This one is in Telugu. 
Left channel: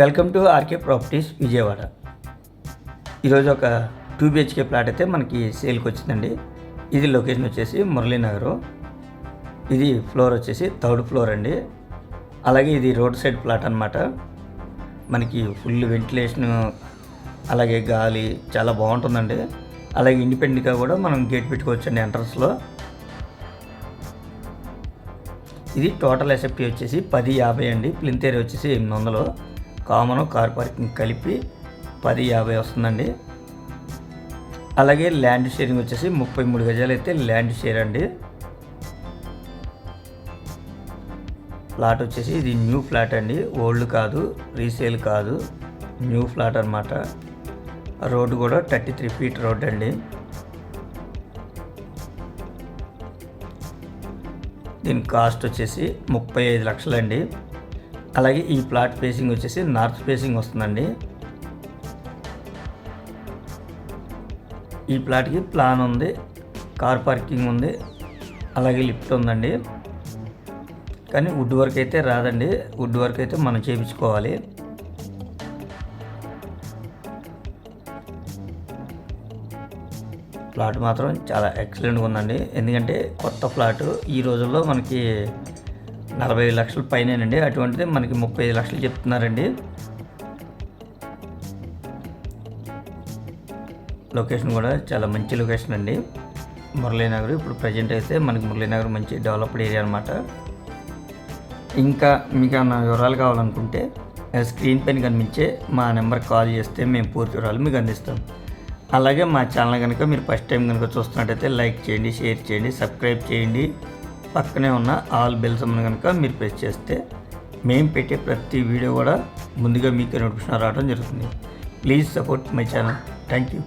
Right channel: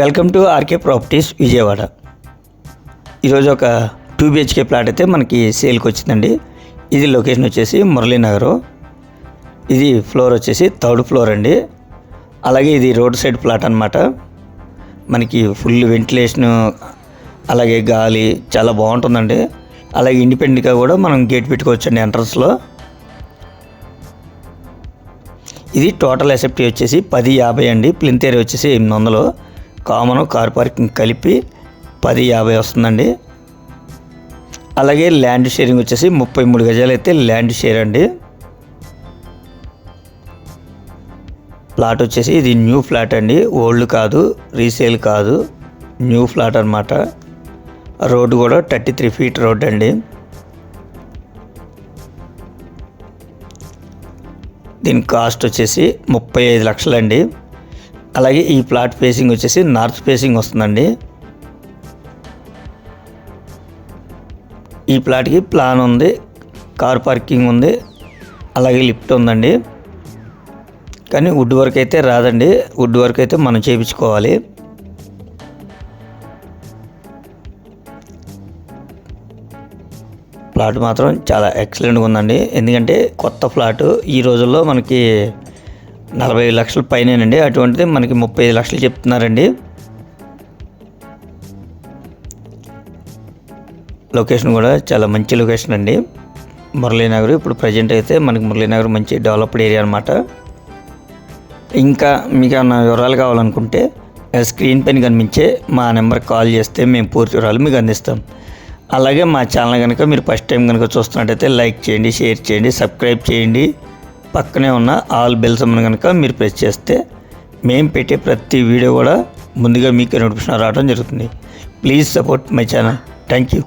Welcome to RK properties Vijayawada. ఈరోజు ఒక టూ బిహెచ్కే ప్లాట్ అయితే మనకి సేల్కి వచ్చిందండి. ఇది లొకేషన్ వచ్చేసి మురళీనగర్ ఇది ఫ్లోర్ వచ్చేసి థర్డ్ ఫ్లోర్ అండి. అలాగే ఇది రోడ్ సైడ్ ప్లాట్ అనమాట మనకి ఫుల్ వెంటిలేషన్ అలాగే గాలి చాలా బాగుంటుందండి. అలాగే ఇండిపెండెంట్గా కూడా మనం గేట్ పెట్టుకోవచ్చండి ఎంట్రన్స్లో. ఇది టోటల్ ఎసెప్టీ వచ్చేసి పది యాభై అండి. ప్లింతేరి వచ్చేసి ఎనిమిది వందలు. కామన్ కార్ పార్కింగ్ కలిపి పది యాభై వస్తుందండి. అలాగే ల్యాండ్ షేరింగ్ వచ్చేసి ముప్పై మూడు గజాలు అయితే ల్యాండ్ షేర్ అండి. ప్లాట్ వచ్చేసి ఇది న్యూ ఫ్లాట్ అండి. ఓల్డ్ కాదు రీసేల్ కాదు న్యూ ఫ్లాట్ అనమాట రోడ్డు కూడా థర్టీ త్రీ ఫీట్ రోడ్ అండి. దీని కాస్ట్ వచ్చేసి ముప్పై ఐదు లక్షలండి. అలాగే ఈ ప్లాట్ ఫేసింగ్ వచ్చేసి నార్త్ ఫేసింగ్ వస్తుందండి. ఈ ప్లాట్కి ప్లాన్ ఉంది కార్ పార్కింగ్ ఉంది అలాగే లిఫ్ట్ ఉందండి. కానీ వుడ్ వర్క్ అయితే రాదండి వుడ్ వర్క్ అయితే మనం చేయించుకోవాలి. ఫ్లాట్ మాత్రం చాలా ఎక్సలెంట్గా ఉందండి. ఎందుకంటే కొత్త ఫ్లాట్ ఈ రోజుల్లో మనకి నలభై లక్షల పైనేనండి. అటువంటిది మనకి ముప్పై ఐదు లక్షలు చెప్తున్నారండి. లొకేషన్ కూడా చాలా మంచి లొకేషన్ అండి. మురళీనగర్ ఇప్పుడు ప్రజెంట్ అయితే మనకి మురళీనగర్ మంచి డెవలప్డ్ ఏరియా అనమాట ఇంకా మీకు ఏమైనా వివరాలు కావాలనుకుంటే స్క్రీన్ పైన కనిపించే మా నెంబర్కి కాల్ చేస్తే మేము పూర్తి వివరాలు మీకు అందిస్తాం. అలాగే మా ఛానల్ కనుక మీరు ఫస్ట్ టైం కనుక చూస్తున్నట్టయితే లైక్ చేయండి షేర్ చేయండి సబ్స్క్రైబ్ చేయండి. పక్కనే ఉన్న ఆల్ బెల్స్ అమ్మను కనుక మీరు ప్రెస్ చేస్తే మేము పెట్టే ప్రతి వీడియో కూడా ముందుగా మీకు నోటిఫికేషన్ రావడం జరుగుతుంది. Please support my channel thank you